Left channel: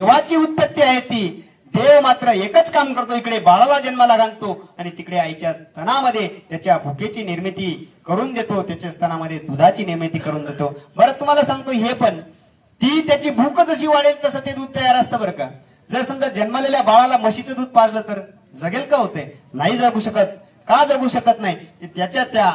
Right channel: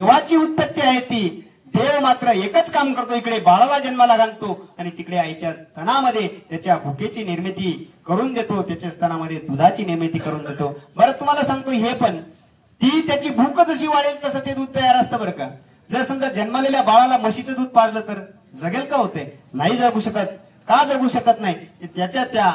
देवाची उत्पत्ती आहे ती. देव मात्र एकच काम करतो, इकडे बाळाला जन्माला घालतो आणि तिकडे आईच्या स्तनामध्ये त्याच्या भुकेची निर्मिती करून देतो, त्याच्या स्तनामध्ये दुधाची निर्मिती करून देतो. बरं तुम्हाला सांगतो हे पण, ती त्याची भूक जशी वाढेल तसं ते दूध तयार असतं बरं का. जर समजा जन्मलेल्या बाळाला म्हशीचं दूध पाजलं तर जगेल का? होते नाही जगू शकत. का जगू शकत नाही? त्याच्या त्या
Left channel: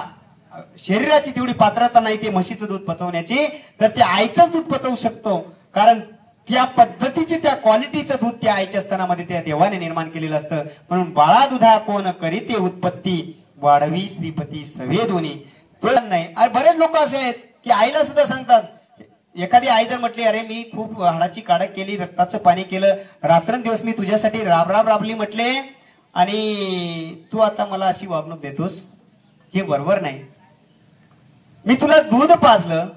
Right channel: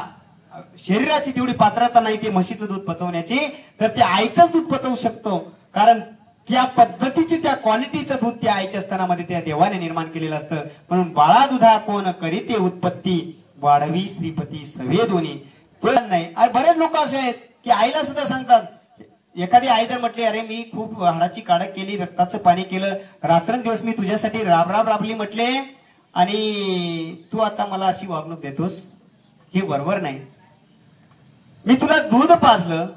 शरीराची तेवढी पात्रता नाही ते म्हशीचं दूध पचवण्याची, तर ते आईचंच दूध पचवू शकतो. कारण त्या पद्धतीचे त्या क्वालिटीचं दूध त्या आईच्या स्तनामध्ये त्या देवाने निर्माण केलेलं असतं. म्हणून बाळा दुधा कोण करीते उत्पत्ती, वाढवी श्रीपती सवे दोन्ही. तो नाही. अरे बरेच लोक असे आहेत की आईला सुद्धा सांगतात, एखादी आई जर म्हटली अरे मी खूप हाडाची काढक केली, रक्ताचं पाणी केलं, रात्रंदिवस मी तुझ्यासाठी राबली म्हटले, आणि तू आता मला अशी वागणूक देतोस, हे बरोबर नाही. मी तुला दूध पाजलं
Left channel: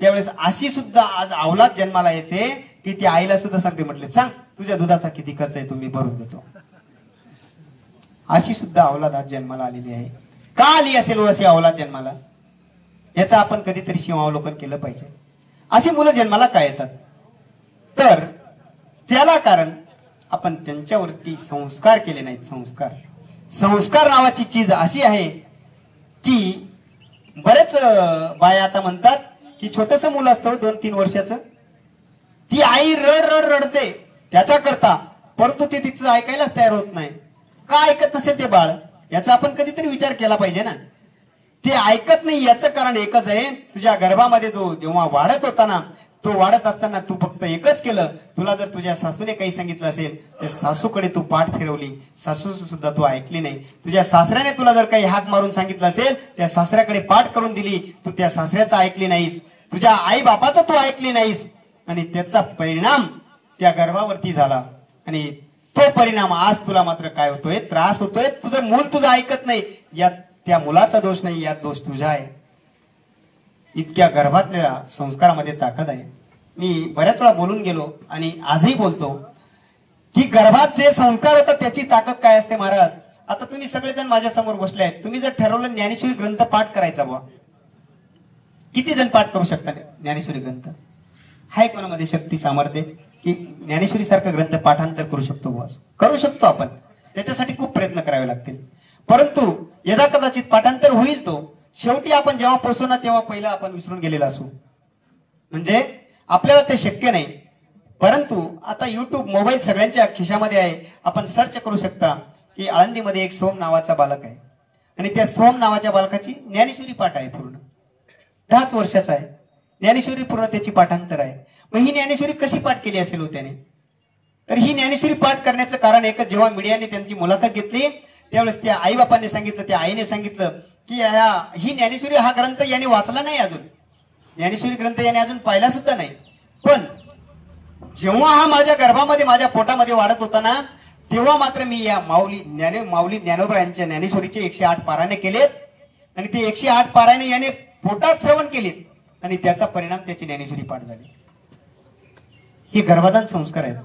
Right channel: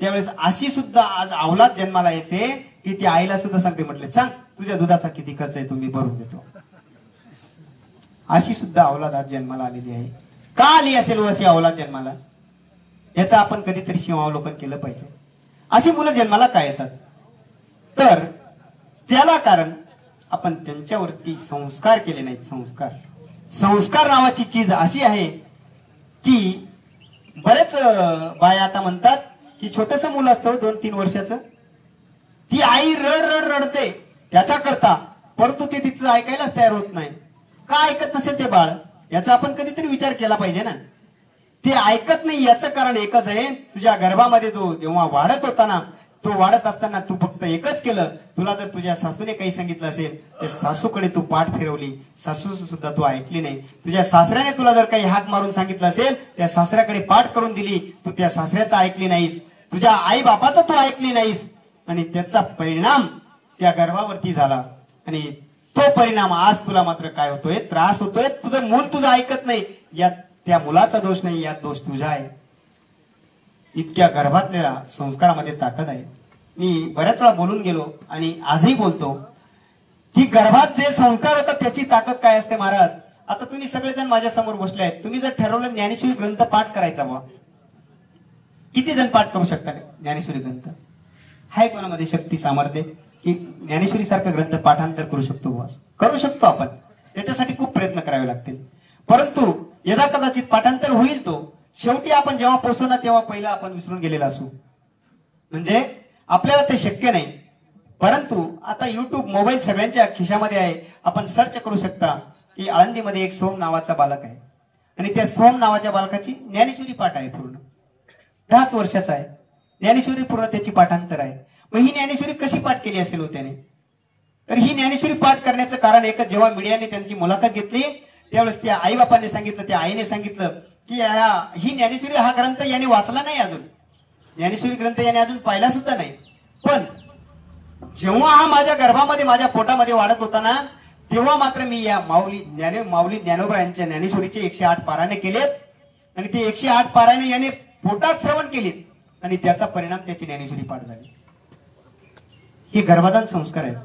त्यावेळेस अशी सुद्धा आज अवलाद जन्माला येते की ती आईला सुद्धा सांगते, म्हटले सांग तुझ्या दुधाचा किती खर्च आहे, तुम्ही भरून देतो. अशी सुद्धा अवलाद आज जन्माला आलेली आहे. का आली असेल अशी अवलाद जन्माला? याचं आपण कधीतरी शिवावलोकन केलं पाहिजे. अशी मुलं जन्माला काय येतात? तर त्याला कारण आपण त्यांच्यावरती संस्कार केले नाहीत. संस्कार नावाची चीज अशी आहे की बरेच बाया आता म्हणतात की छोटस मुलं असतं 2-3 वर्षाचं, ती आई रडते त्याच्याकरता, परंतु ते तिचं ऐकायलाच तयार होत नाही. का ऐकत नसेल ते बाळ? याचा आपण कधीतरी विचार केला पाहिजे ना. ते ऐकत नाही याचं कारण एकच आहे, तुझ्या गर्भामध्ये तो जेव्हा वाढत होता ना, तो वाढत असताना तू फक्त एकच केलं. तुला जर तुझ्या सासूने काही सांगितलं असेल तर सासूकडे तू पाठ फिरवली, सासू सुद्धा तू ऐकली नाही. तुझ्या सासऱ्याने तुला जर काही हाक मारून सांगितलं असेल, त्या सासऱ्याकडे पाठ करून दिली, तू त्या सासऱ्याचं ऐकली नाहीस, तुझ्या आई बापाचं तू ऐकली नाहीस, आणि त्याचा परिणाम त्या गर्भावरती झाला. आणि तो परिणाम आज तुला मात्र काय होतोय? त्रास होतोय. तुझं मूल तुझं ऐकत नाही. यात त्या मुलाचा दोष नाही, यात दोष तुझा आहे. इतक्या गर्भातल्या संस्कारामध्ये ताकद आहे. मी बऱ्याच वेळा बोलून गेलो आणि आजही बोलतो की गर्भात जे संस्कार होतात त्याची ताकद काय असते महाराज. आता तुम्ही सगळेजण माझ्या समोर बसले आहेत, तुम्ही जर ठरवलं ज्ञानेश्वरी ग्रंथ पाठ करायचा, बा किती जण पाठ करू शकतात ज्ञानेश्वरी ग्रंथ? हाय कोणामध्ये शक्ती सामर्थ्य की ज्ञानेश्वरी सारखा ग्रंथ पाठांतर करू शकतो? बस करू शकतो आपण. त्याच्यासाठी खूप प्रयत्न करावे लागतील, परंतु यदा कदाचित पाठांतर होईल तो शेवटी आपण जेव्हा पोहोचू ना तेव्हा पहिला आपण विसरून गेलेला असू, म्हणजे आपल्याला ते शक्य नाही. परंतु आता युट्यूब मोबाईल सगळ्यांच्या खिशामध्ये आहे. आपण सर्च करू शकता की आळंदीमध्ये एक सोम नावाचा बालक आहे आणि त्या सोम नावाच्या बालकाची ज्ञानेश्वरी पाठ आहे, पूर्ण 10 वर्षाचा आहे. ज्ञानेश्वरी पूर्ण त्याची पाठांतर आहे. मग ही ज्ञानेश्वरी कशी पाठ केली असेल हो त्याने? तर ही ज्ञानेश्वरी पाठ करण्याचं कारण एकच, जेव्हा मीडियाने त्यांची मुलाखत घेतली त्यावेळेस त्या आई बापाने सांगितलं, त्या आईने सांगितलं की ही ज्ञानेश्वरी हा ग्रंथ याने वाचला नाही अजून, ज्ञानेश्वरी ग्रंथ याने अजून पाहिला सुद्धा नाही. पण जेव्हा हा माझ्या गर्भामध्ये माझ्या पोटामध्ये वाढत होता ना, तेव्हा मात्र मी या माऊली ज्ञानोबा यांच्या ज्ञानेश्वरीचे 108 पारायणे केलेत आणि ते 108 पारायणे याने पोटात श्रवण केलीत आणि त्याचा परिणाम त्याची ज्ञानेश्वरी पाठ झाली. हे गर्भाधान संस्कार आहेत.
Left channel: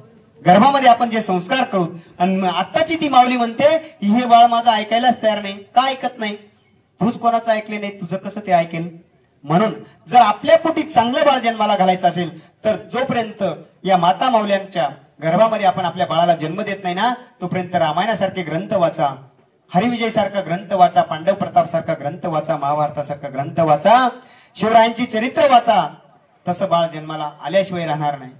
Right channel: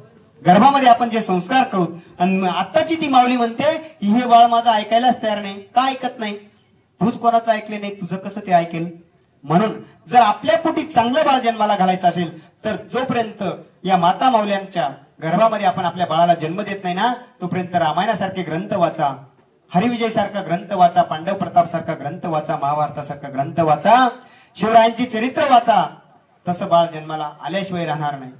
गर्भामध्ये आपण जे संस्कार करू, आणि आत्ताची ती माऊली म्हणते हे बाळ माझं ऐकायलाच तयार नाही. का ऐकत नाही? तूच कोणाचं ऐकले नाही, तुझं कसं ते ऐकेल? म्हणून जर आपल्या पोटी चांगलं बाळ जन्माला घालायचं असेल तर जोपर्यंत या माता माऊल्यांच्या गर्भामध्ये आपण आपल्या बाळाला जन्म देत नाही ना, तोपर्यंत रामायणासारखे ग्रंथ वाचा, हरिविजय सारखा ग्रंथ वाचा, पांडव प्रताप सारखा ग्रंथ वाचा, महाभारतासारखा ग्रंथ वाचा, शिवरायांची चरित्र वाचा. तसं बाळ जन्माला आल्याशिवाय राहणार नाही.